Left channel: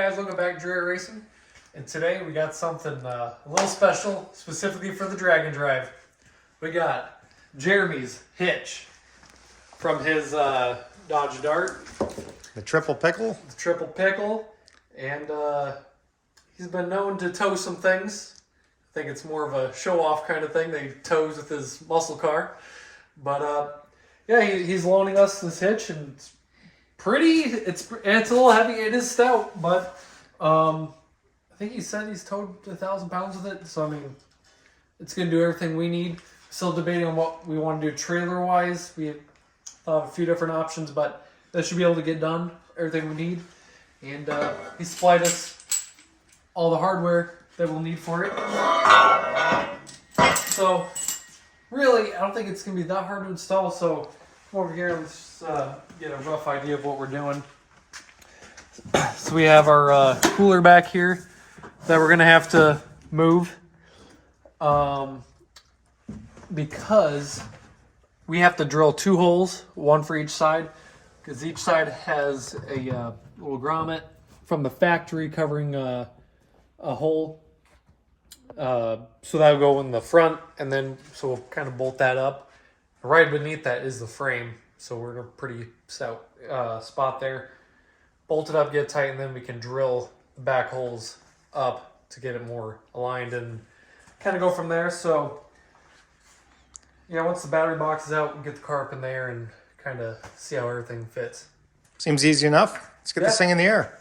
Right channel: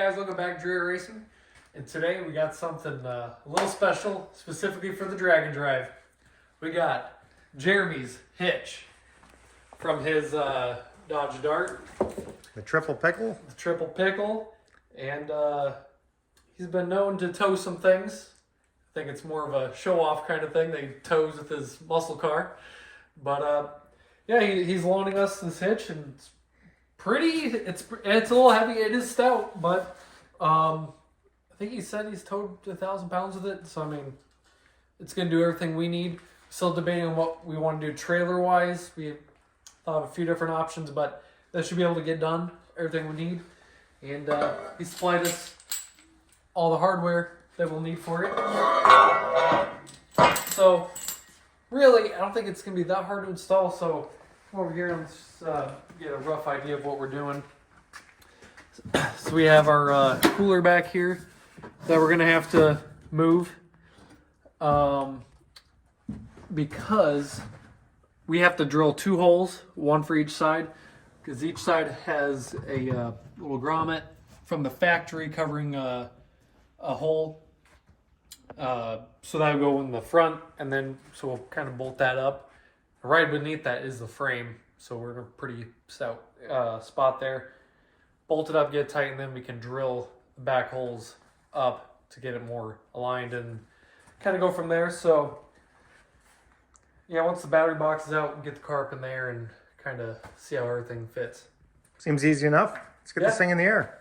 guys, welcome back to Dre Racing. And today we got something a little special, specifically for the Dragon Drive. We got Jeremy's Hitch from his Dodge Dart. The triple pickle? The triple pickle. And he's been known to tow some things. I think it's more of a show-off kind of thing that he tows with his muscle car. But yeah, he's loaning us this hitch, and it's pretty. It's a little heavy. It is stout, but I think he said he's towed 1,000 pounds with it. So I mean, it's gonna do everything we need. Still debating on what we want to do trailer-wise. We thought of a few different options, but that should be able to get done. Everything we need, and he supplied us all the hardware that we'll need for it. So really, I don't think it's gonna be that hard to install. So come over here and let's get a rough idea of what we're doing. So we have our cooler back here that we're gonna have to move because we have to drill 2 holes, one for each side, because each side has a little grommet from the factory covering a hole. So that will go in the front, and then so we'll kind of bolt that up. Right beneath that is the frame, so we're in a pretty stout spot there. Bolt it up, get tight, and then we can drill the back holes up to get it more aligned and kind of go from there. So yeah, once the battery box is out, we'll get the car up in there and kind of see how everything fits. Seems easy enough. Let's get this thing in the air.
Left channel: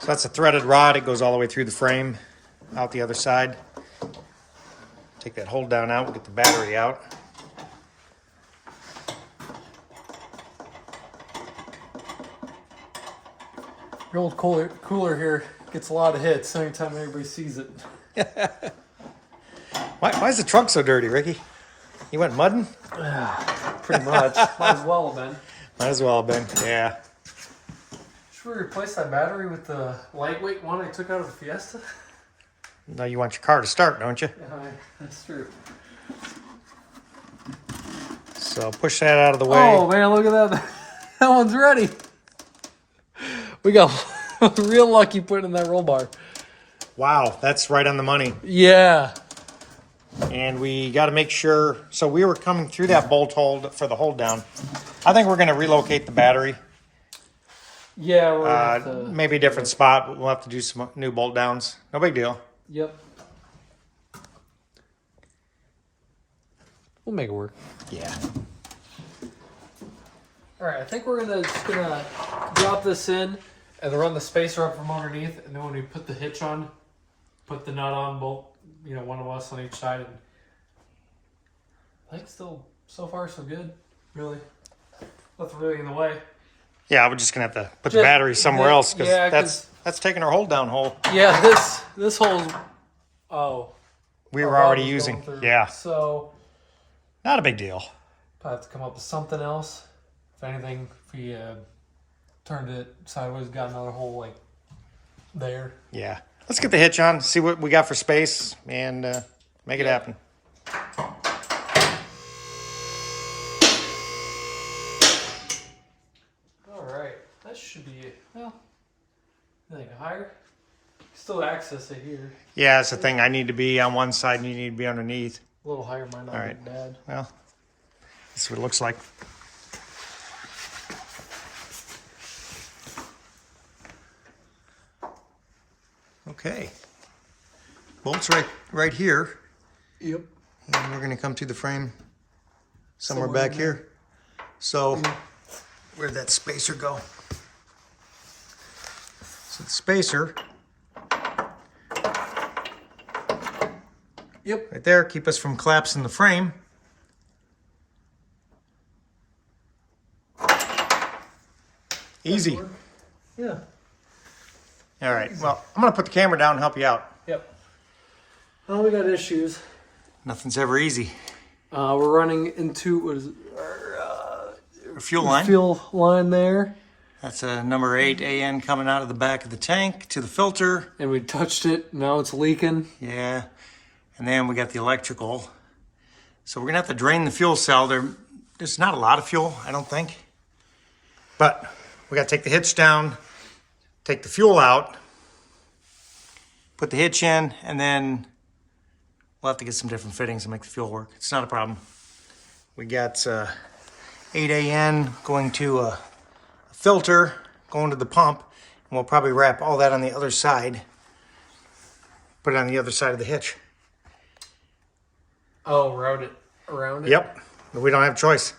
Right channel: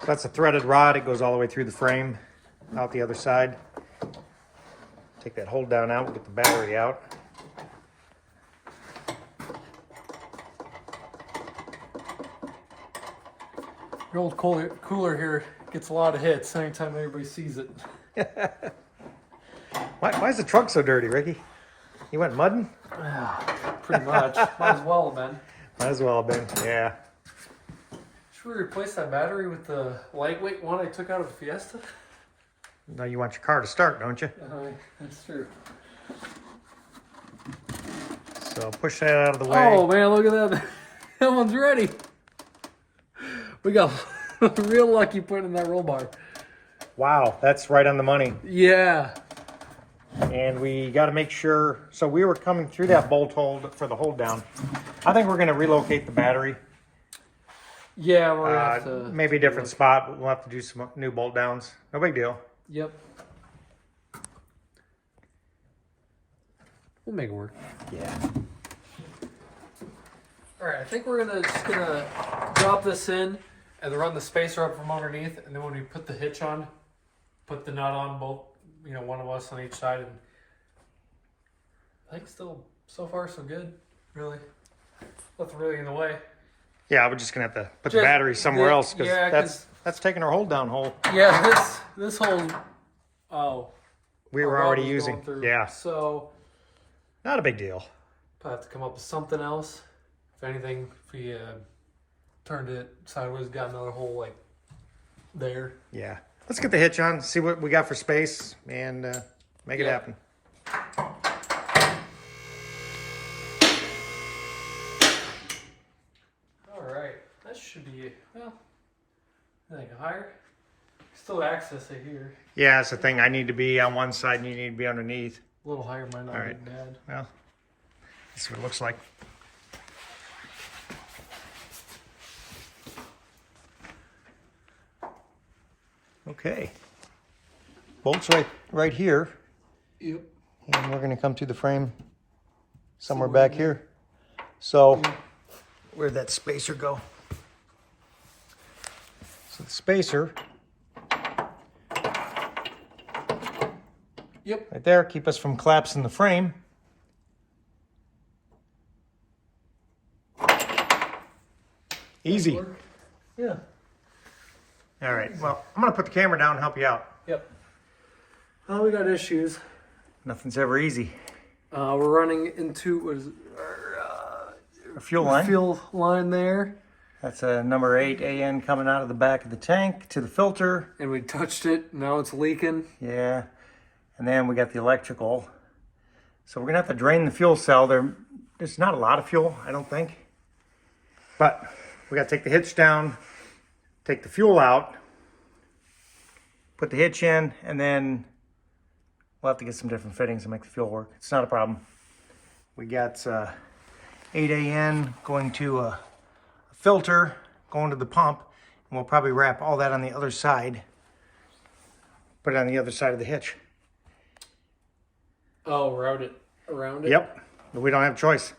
So that's a threaded rod. It goes all the way through the frame, out the other side. Take that hold down out, we'll get the battery out. Your old cooler here gets a lot of hits anytime everybody sees it. Why is the trunk so dirty, Ricky? You went mudding? Pretty much. Might as well have been. Might as well have been, yeah. Should we replace that battery with the lightweight one I took out of the Fiesta? Now you want your car to start, don't you? That's true. So push that out of the way. Oh man, look at that. That one's ready. We got real lucky putting in that roll bar. Wow, that's right on the money. Yeah. And we got to make sure, so we were coming through that bolt hole for the hold down. I think we're going to relocate the battery. Yeah, we'll maybe a different spot, but we'll have to do some new bolt downs. No big deal. Yep. We'll make it work. Yeah. All right, I think we're just gonna drop this in and then run the spacer up from underneath, and then when we put the hitch on, put the nut on, both, one of us on each side, and I think still so far so good. Really, nothing really in the way. Yeah, we're just gonna have to put the battery somewhere else because yeah, that's taking our hold down hole. Yeah, this hole. Oh. We were already using. Yeah. So. Not a big deal. Probably have to come up with something else. If anything, if we turned it sideways, got another hole like there. Yeah. Let's get the hitch on, see what we got for space, and make it happen. All right. That should be, well, I think higher. Still access it here. Yeah, that's the thing. I need to be on one side and you need to be underneath. A little higher might not All right. be bad. Well, this is what it looks like. Okay. Bolts right here. Yep. And we're going to come to the frame somewhere back here. So where'd that spacer go? So the spacer. Yep. Right there, keep us from collapsing the frame. Easy. Yeah. All right, well, I'm going to put the camera down and help you out. Yep. Well, we got issues. Nothing's ever easy. We're running into, what is it? Our fuel line. Fuel line there. That's a number 8 AN coming out of the back of the tank to the filter. And we touched it. Now it's leaking. Yeah. And then we got the electrical. So we're going to have to drain the fuel cell. There's not a lot of fuel, I don't think. But we got to take the hitch down, take the fuel out, put the hitch in, and then we'll have to get some different fittings to make the fuel work. It's not a problem. We got 8AN going to a filter, going to the pump, and we'll probably wrap all that on the other side. Put it on the other side of the hitch. Oh, around it? Yep, but we don't have a choice.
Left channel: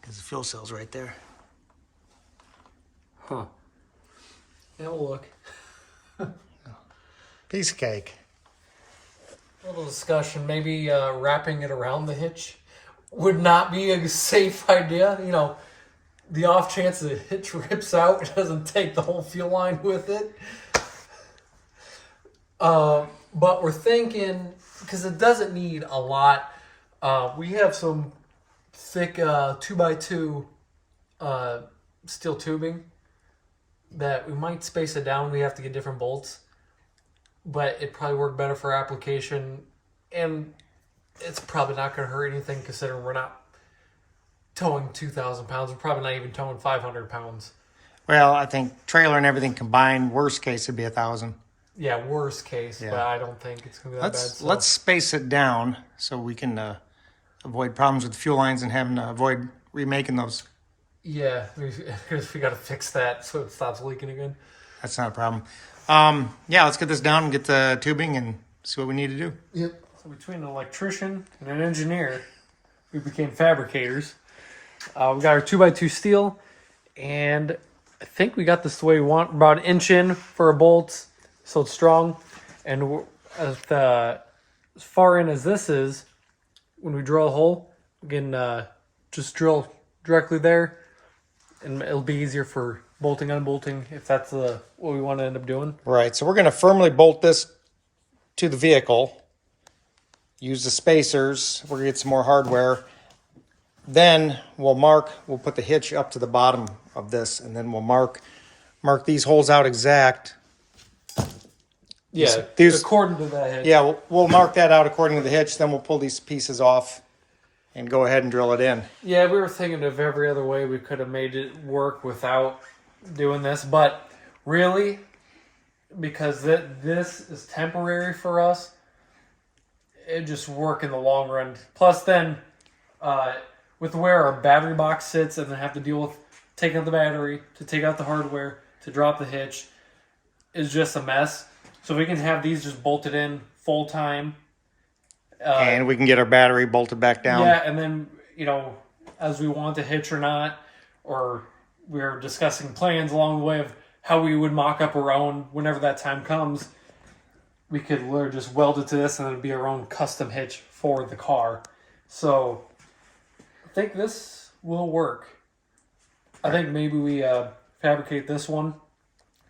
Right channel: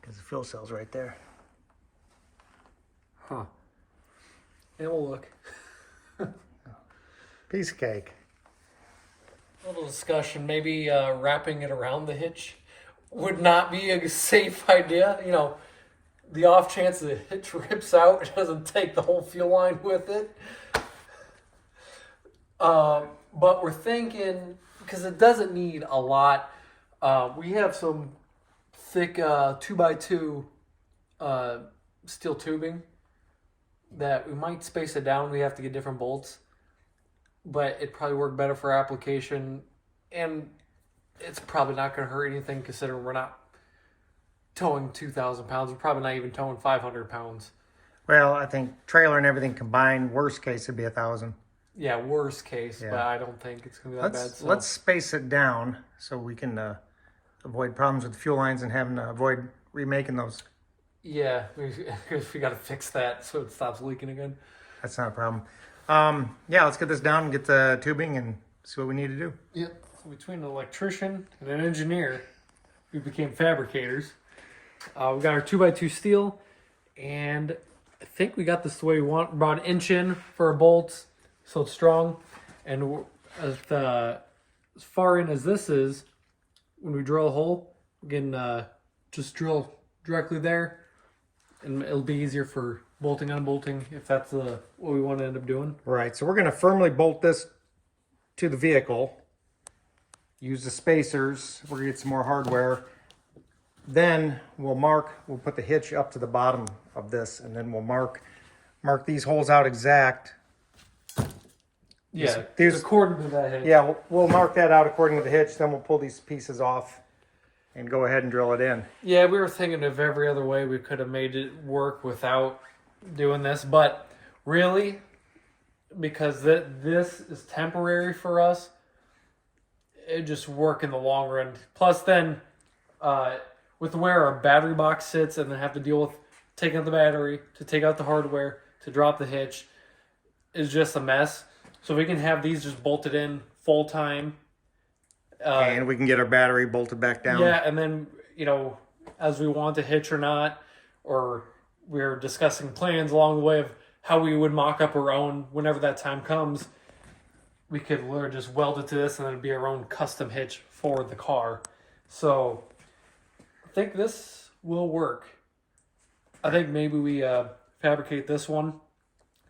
Because the fuel cell's right there. Huh. Yeah, we'll look. Piece of cake. A little discussion. Maybe wrapping it around the hitch would not be a safe idea. You know, the off chance the hitch rips out, it doesn't take the whole fuel line with it. But we're thinking, because it doesn't need a lot, we have some thick 2x2 steel tubing that we might space it down. We have to get different bolts, but it'd probably work better for application, and it's probably not going to hurt anything considering we're not towing 2,000 pounds. We're probably not even towing 500 pounds. Well, I think trailer and everything combined, worst case, it'd be 1,000. Yeah, worst case, Yeah. but I don't think it's going to be that bad. So. Let's space it down so we can avoid problems with the fuel lines and having to avoid remaking those. Yeah, because we got to fix that so it stops leaking again. That's not a problem. Yeah, let's get this down and get the tubing and see what we need to do. Yep. So between an electrician and an engineer, we became fabricators. We got our 2x2 steel, and I think we got this the way we want. About an inch in for our bolts, so it's strong. And as far in as this is, when we drill a hole, we can just drill directly there, and it'll be easier for bolting, unbolting, if that's what we want to end up doing. Right, so we're going to firmly bolt this to the vehicle, use the spacers, we're going to get some more hardware. Then we'll put the hitch up to the bottom of this, and then we'll mark these holes out exact. Yeah, These, according to that hitch. yeah, we'll mark that out according to the hitch, then we'll pull these pieces off and go ahead and drill it in. Yeah, we were thinking of every other way we could have made it work without doing this, but really, because this is temporary for us, it just work in the long run. Plus then, with where our battery box sits and then have to deal with taking out the battery, to take out the hardware, to drop the hitch, is just a mess. So we can have these just bolted in full time. And we can get our battery bolted back down. Yeah, and then, as we want to hitch or not, or we're discussing plans along the way of how we would mock up our own whenever that time comes, we could literally just weld it to this and it'd be our own custom hitch for the car. So I think this will work. I think maybe we fabricate this one,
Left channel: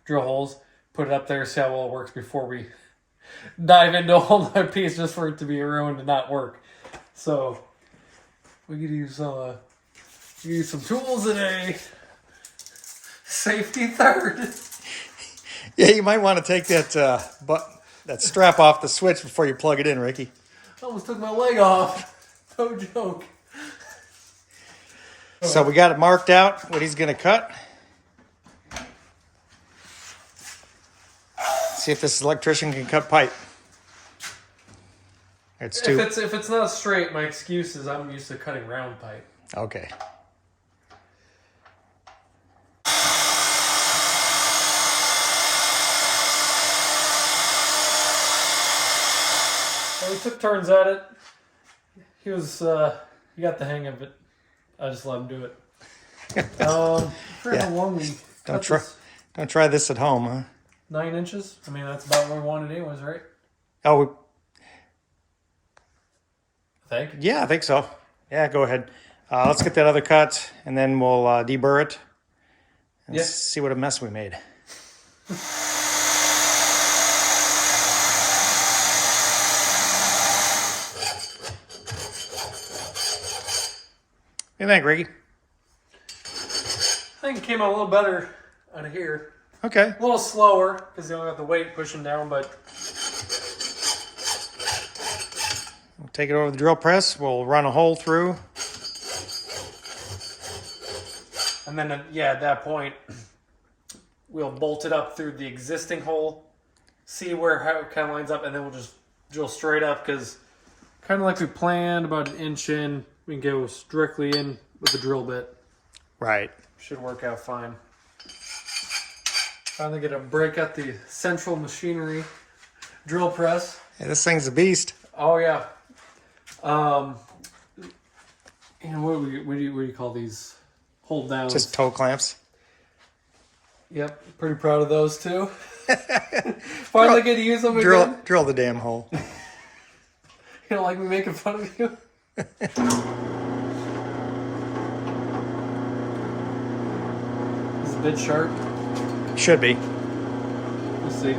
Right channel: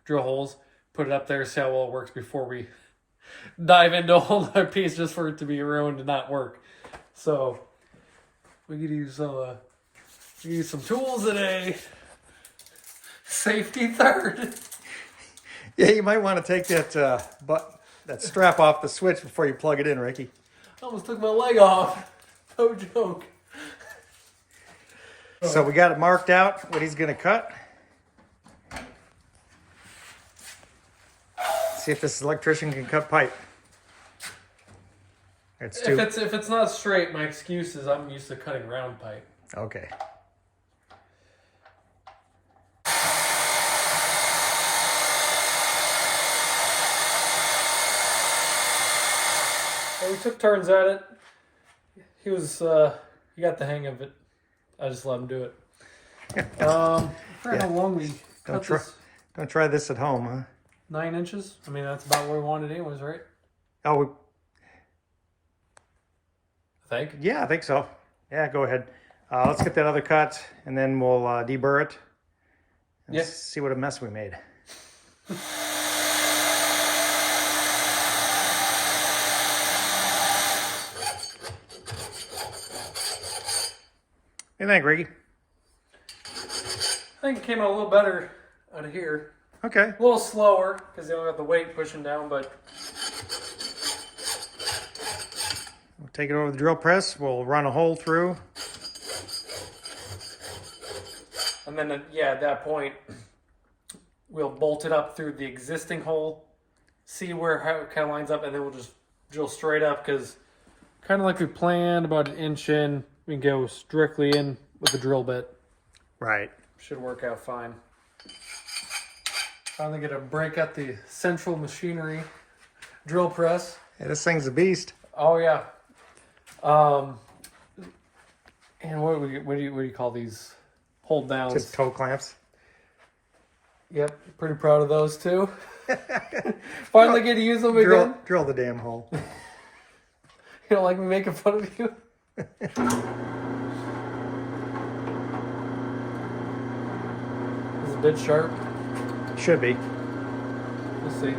drill holes, put it up there, see how well it works before we dive into a whole other piece just for it to be ruined and not work. So we could use some tools today. Safety third. Yeah, you might want to take that strap off the switch before you plug it in, Ricky. I almost took my leg off. No joke. So we got it marked out, what he's going to cut. See if this electrician can cut pipe. It's too... If it's not straight, my excuse is I'm used to cutting round pipe. Okay. So we took turns at it. He got the hang of it. I just let him do it. How long we cut this? Don't try this at home, huh? 9 inches. I mean, that's about where we wanted anyways, right? Oh, I think. yeah, I think so. Yeah, go ahead. Let's get that other cut, and then we'll deburr it and see what a mess we made. What do you think, Ricky? I think it came out a little better out of here. Okay. A little slower because they don't have the weight pushing down, but We'll take it over the drill press. We'll run a hole through. And then, yeah, at that point, we'll bolt it up through the existing hole, see how it kind of lines up, and then we'll just drill straight up because kind of like we planned, about an inch in, we can go strictly in with the drill bit. Right. Should work out fine. Finally get a break at the central machinery drill press. Yeah, this thing's a beast. Oh yeah. And what do you call these? Hold downs. Just toe clamps. Yep, pretty proud of those too. Finally get to use them again. Drill the damn hole. You don't like me making fun of you? Is the bit sharp? Should be. We'll see.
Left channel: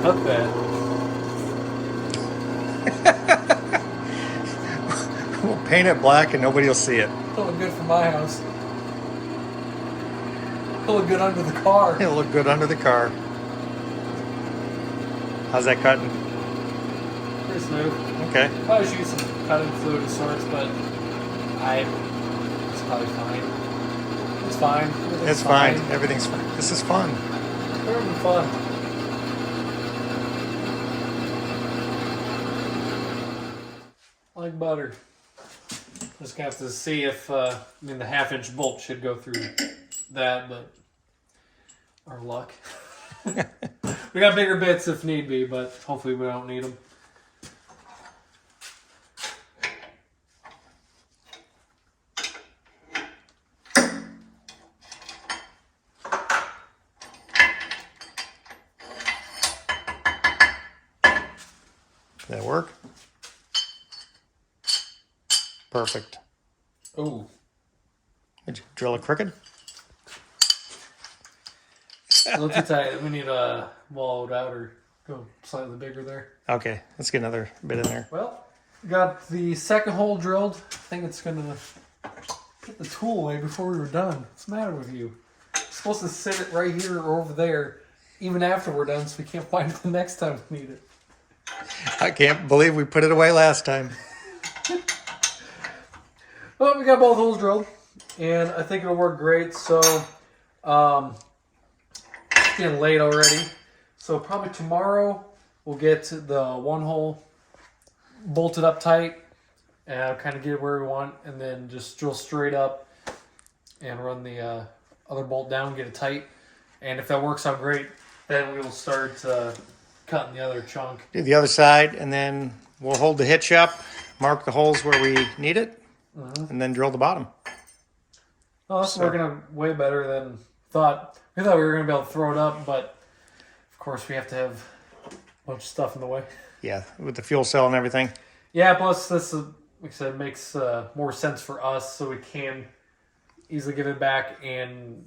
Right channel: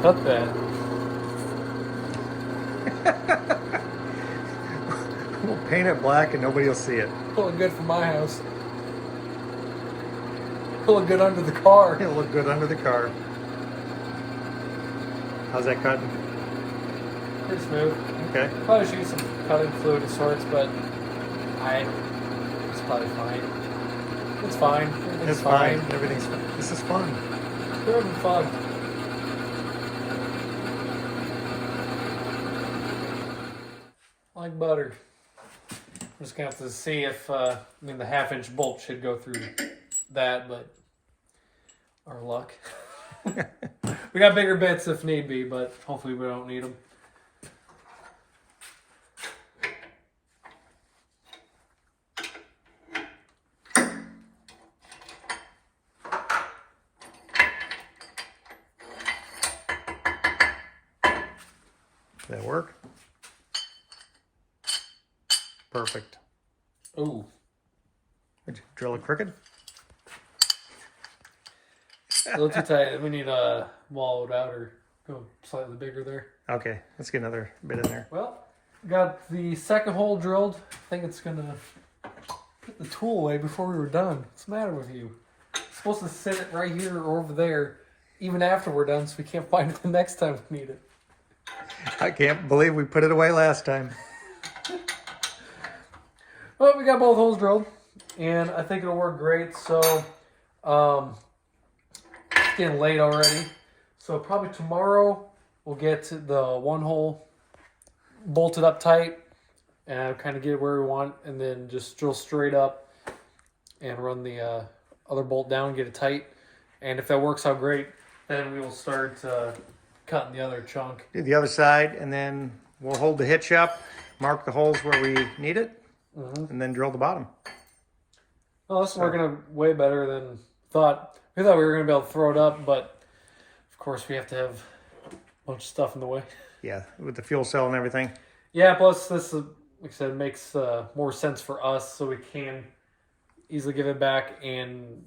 Cut that. We'll paint it black and nobody will see it. Pulling good for my house. Pulling good under the car. It'll look good under the car. How's that cutting? Pretty smooth. Okay. Probably should get some cutting fluid of sorts, but it's probably fine. It's fine. It's fine. Everything's fine. This is fun. We're having fun. Like butter. I'm just gonna have to see if the 1/2-inch bolt should go through that, but our luck. We got bigger bits if need be, but hopefully we don't need them. Did that work? Perfect. Ooh. Did you drill it crooked? A little too tight. We need a wall it out or go slightly bigger there. Okay, let's get another bit in there. Well, got the second hole drilled. I think it's gonna put the tool away before we were done. What's the matter with you? It's supposed to sit it right here or over there, even after we're done, so we can't find it the next time we need it. I can't believe we put it away last time. Well, we got both holes drilled, and I think it'll work great. So, it's getting late already. So probably tomorrow we'll get the one hole bolted up tight and kind of get it where we want, and then just drill straight up and run the other bolt down, get it tight. And if that works out great, then we will start cutting the other chunk. Do the other side, and then we'll hold the hitch up, mark the holes where we need it, and then drill the bottom. Well, this is working out way better than thought. We thought we were going to be able to throw it up, but of course we have to have a bunch of stuff in the way. Yeah, with the fuel cell and everything. Yeah, plus this, like I said, makes more sense for us, so we can easily give it back. And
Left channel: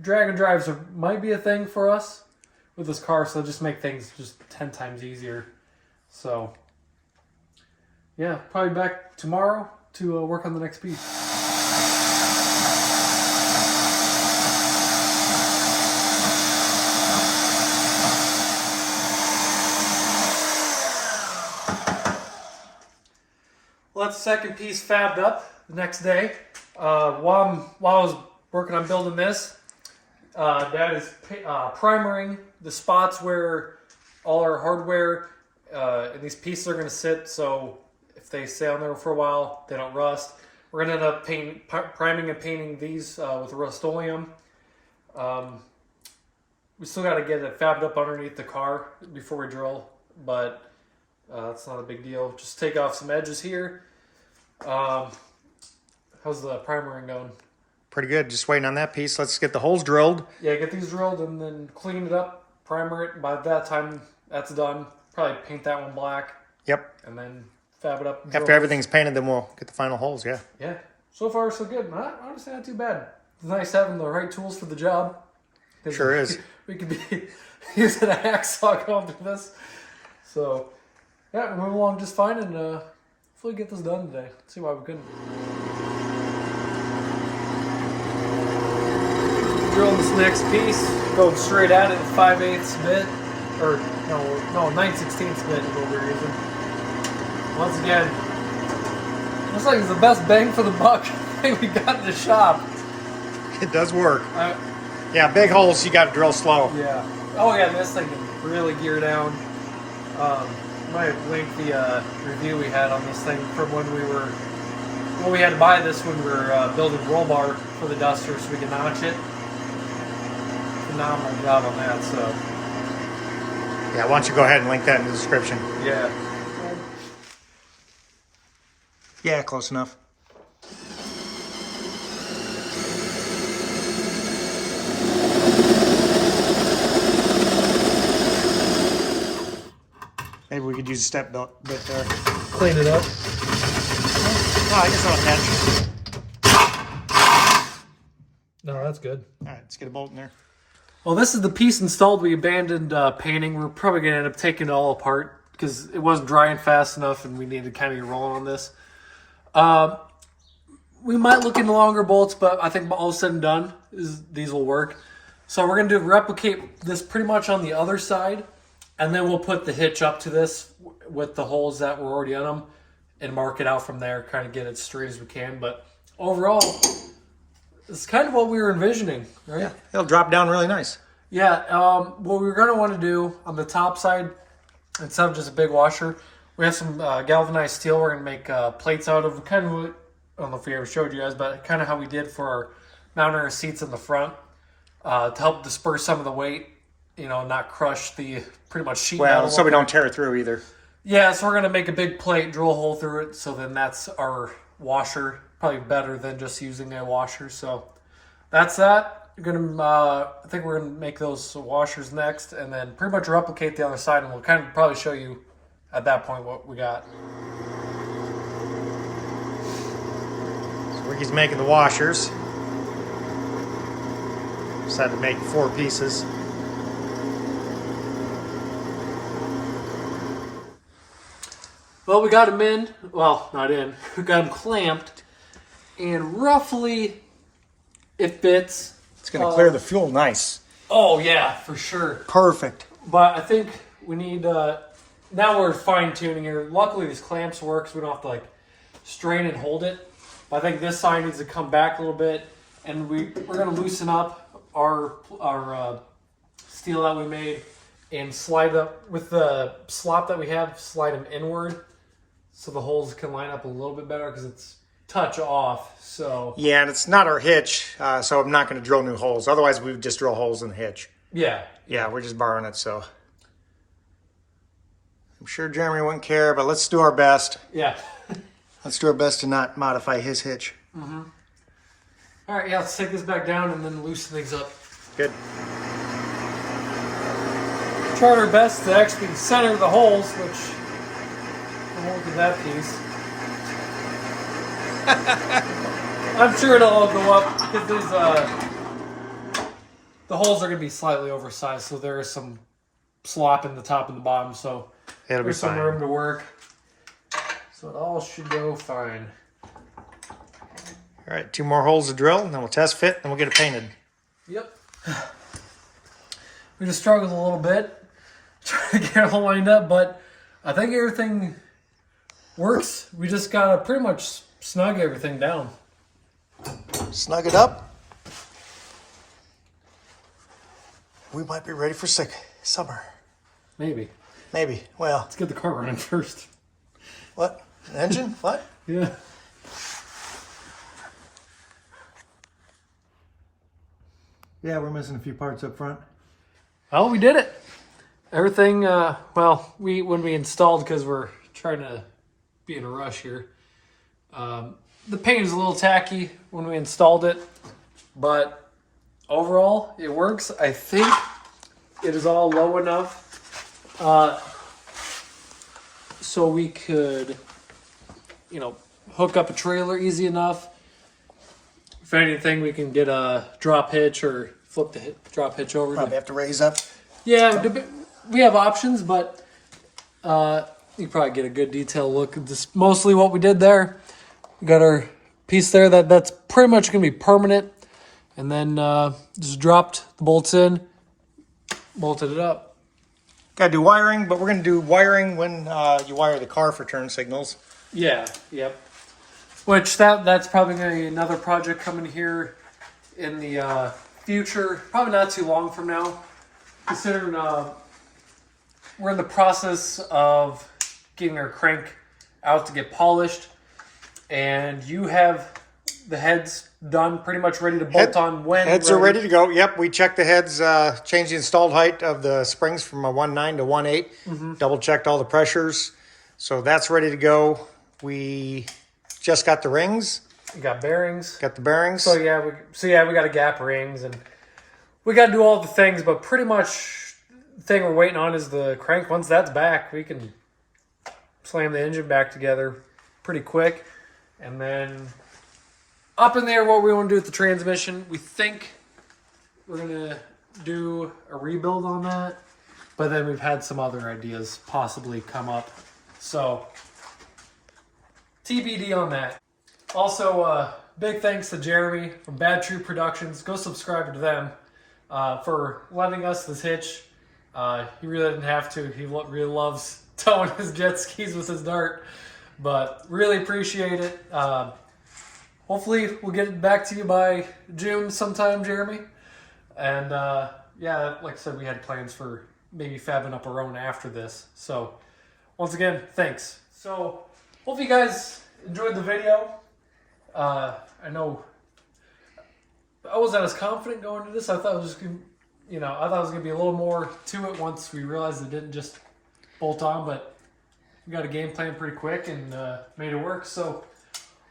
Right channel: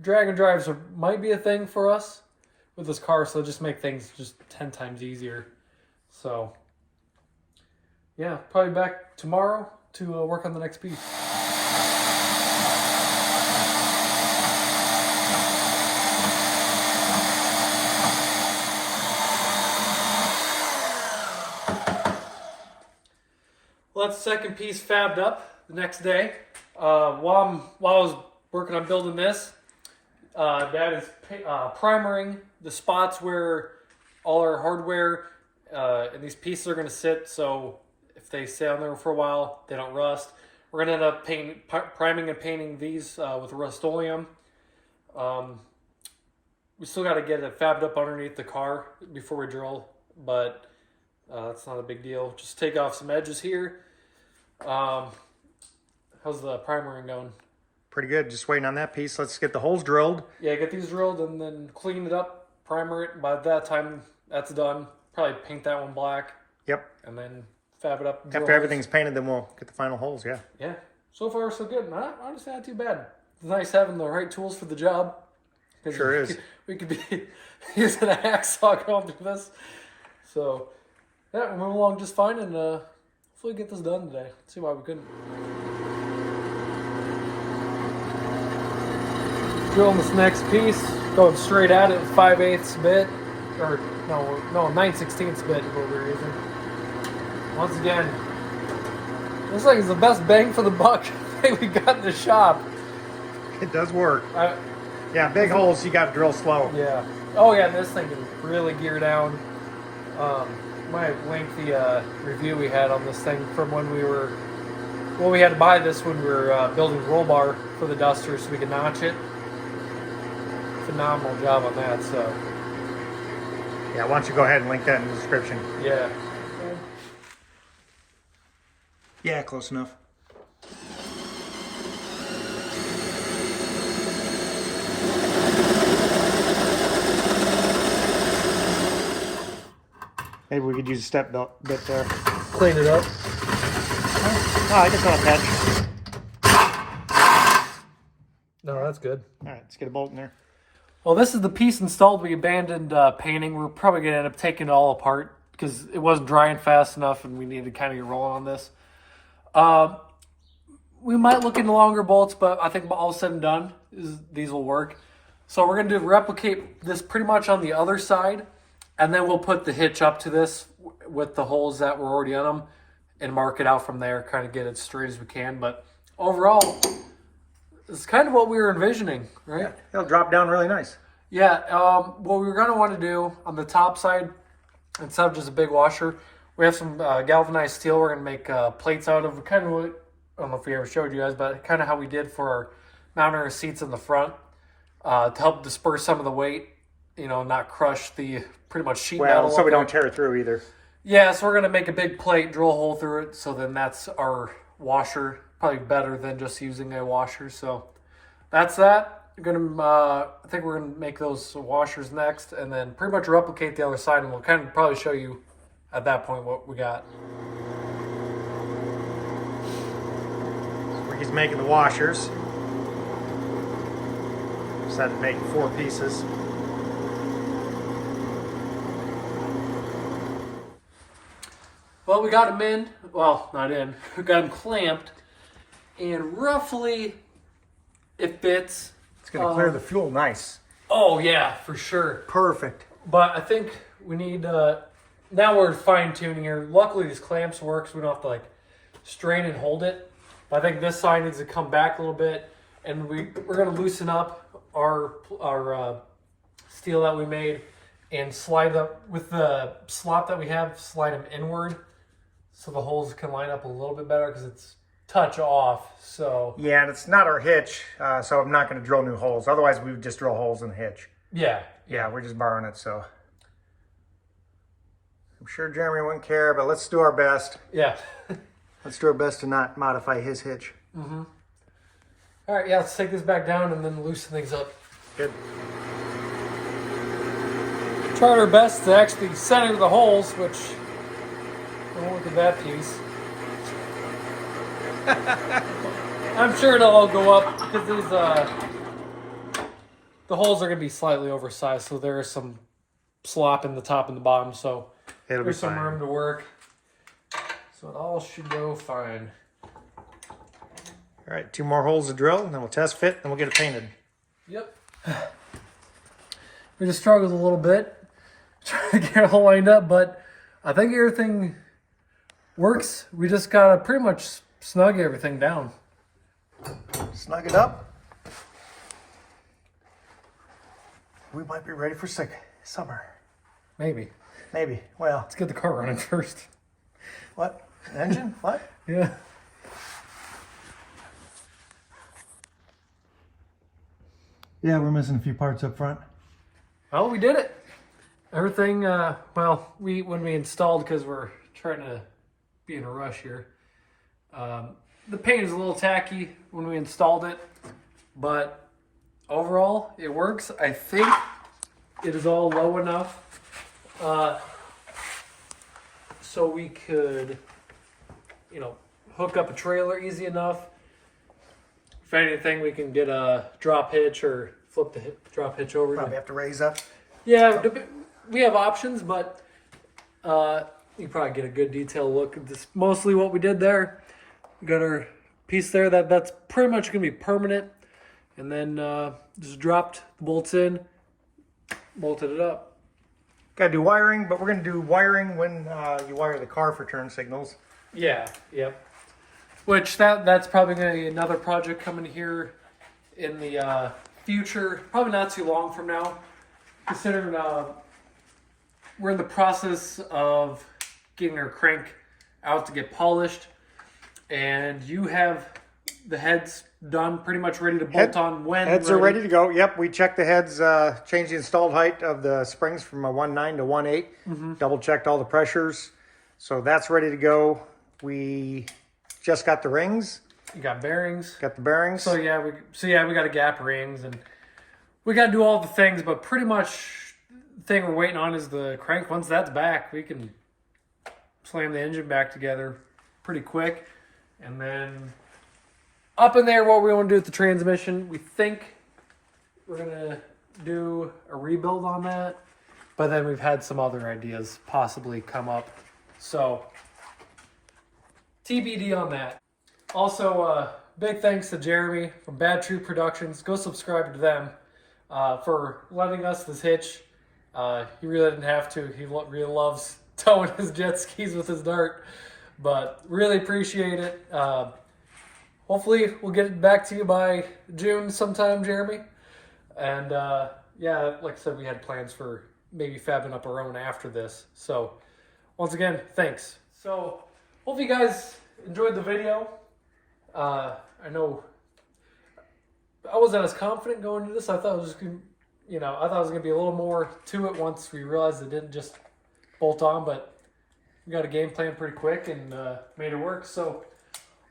drag and drives might be a thing for us with this car, so just make things just 10 times easier. So, yeah, probably back tomorrow to work on the next piece. Well, that's the second piece fabbed up the next day. While I was working on building this, Dad is primering the spots where all our hardware and these pieces are going to sit, so if they stay on there for a while, they don't rust. We're going to end up priming and painting these with Rust-Oleum. We still got to get it fabbed up underneath the car before we drill, but that's not a big deal. Just take off some edges here. How's the primering going? Pretty good. Just waiting on that piece. Let's get the holes drilled. Yeah, get these drilled and then clean it up, primer it. By that time that's done, probably paint that one black. Yep. And then fab it up. After everything's painted, then we'll get the final holes, yeah. Yeah. So far, so good. Honestly, not too bad. It's nice having the right tools for the job. Sure is. We could be using a hacksaw going through this. So, yeah, we're moving along just fine, and hopefully get this done today. Let's see why we couldn't. Drilling this next piece, going straight at it, 5/8 bit, or no 9/16 bit is what we're using. Once again, looks like it's the best bang for the buck thing we got in the shop. It does work. Yeah, big holes you got to drill slow. Yeah. Oh yeah, this thing can really gear down. My lengthy review we had on this thing from when we were. Well, we had to buy this when we were building the roll bar for the Duster so we could notch it. Phenomenal job on that. So. Yeah, why don't you go ahead and link that in the description? Yeah. Yeah, close enough. Maybe we could use a step bit there. Clean it up. Oh, I guess not a patch. No, that's good. All right, let's get a bolt in there. Well, this is the piece installed. We abandoned painting. We're probably going to end up taking it all apart because it wasn't drying fast enough and we needed to kind of get rolling on this. We might look into longer bolts, but I think all said and done, these will work. So we're going to replicate this pretty much on the other side, and then we'll put the hitch up to this with the holes that were already on them and mark it out from there, kind of get it straight as we can. But overall, it's kind of what we were envisioning, right? Yeah, it'll drop down really nice. Yeah, what we're going to want to do on the top side, instead of just a big washer, we have some galvanized steel we're going to make plates out of. Kind of what, I don't know if we ever showed you guys, but kind of how we did for our mounting our seats in the front to help disperse some of the weight, you know, not crush the pretty much sheet metal. Well, so we don't tear it through either. Yeah, so we're going to make a big plate, drill a hole through it, so then that's our washer. Probably better than just using a washer. So that's that. I think we're gonna make those washers next, and then pretty much replicate the other side, and we'll kind of probably show you at that point what we got. So Ricky's making the washers. Just had to make 4 pieces. Well, we got them in. Well, not in. We got them clamped, and roughly it fits. It's going to clear the fuel nice. Oh yeah, for sure. Perfect. But I think we need. Now we're fine tuning here. Luckily, these clamps work, so we don't have to like strain and hold it. But I think this side needs to come back a little bit, and we're going to loosen up our steel that we made and slide up with the slot that we have. Slide them inward, so the holes can line up a little bit better because it's touch off. So yeah, and it's not our hitch, so I'm not going to drill new holes. Otherwise, we would just drill holes in the hitch. Yeah, we're just borrowing it, so I'm sure Jeremy wouldn't care, but let's do our best. Yeah. Let's do our best to not modify his hitch. Mm-hmm. All right, yeah, let's take this back down and then loosen things up. Good. Tried our best to actually center the holes, which don't look at that piece. I'm sure it'll all go up because there's the holes are going to be slightly oversized, so there is some slop in the top and the bottom, so It'll be there's some fine. room to work. So it all should go fine. All right, 2 more holes to drill, and then we'll test fit, and we'll get it painted. Yep. We just struggled a little bit trying to get it all lined up, but I think everything works. We just got to pretty much snug everything down. Snug it up. We might be ready for summer. Maybe. Maybe. Well, Let's get the car running first. what? An engine? What? Yeah. Yeah, we're missing a few parts up front. Oh, we did it. Everything, well, when we installed, because we're trying to be in a rush here, the paint is a little tacky when we installed it, but overall, it works. I think it is all low enough so we could, hook up a trailer easy enough. If anything, we can get a drop hitch or flip the drop hitch over. Probably have to raise up. Yeah, we have options, but you can probably get a good detailed look. This mostly what we did there. We got our piece there that's pretty much going to be permanent, and then just dropped the bolts in, bolted it up. Got to do wiring, but we're going to do wiring when you wire the car for turn signals. Yeah, yep. Which that's probably going to be another project coming here in the future. Probably not too long from now. Considering we're in the process of getting our crank out to get polished. And you have the heads done, pretty much ready to bolt on when? Heads are ready to go. Yep, we checked the heads, changed the installed height of the springs from a 1.9 to 1.8. Double checked all the pressures. So that's ready to go. We just got the rings. You got bearings. Got the bearings. So yeah, we got a gap rings, and we got to do all the things. But pretty much the thing we're waiting on is the crank. Once that's back, we can slam the engine back together pretty quick, and then up in there, what we want to do with the transmission, we think we're gonna do a rebuild on that. But then we've had some other ideas possibly come up, so TBD on that. Also, big thanks to Jeremy from Bad True Productions. Go subscribe to them for letting us this hitch. He really didn't have to. He really loves towing his jet skis with his dart. But really appreciate it. Hopefully we'll get it back to you by June sometime, Jeremy. And yeah, like I said, we had plans for maybe fabbing up our own after this. So once again, thanks. So hope you guys enjoyed the video. I know I wasn't as confident going into this. I thought it was just gonna, I thought it was gonna be a little more to it once we realized it didn't just bolt on, but we got a game plan pretty quick and made it work. So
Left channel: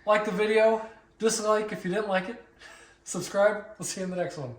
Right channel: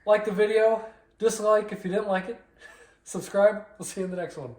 like the video, dislike if you didn't like it, subscribe. We'll see you in the next one.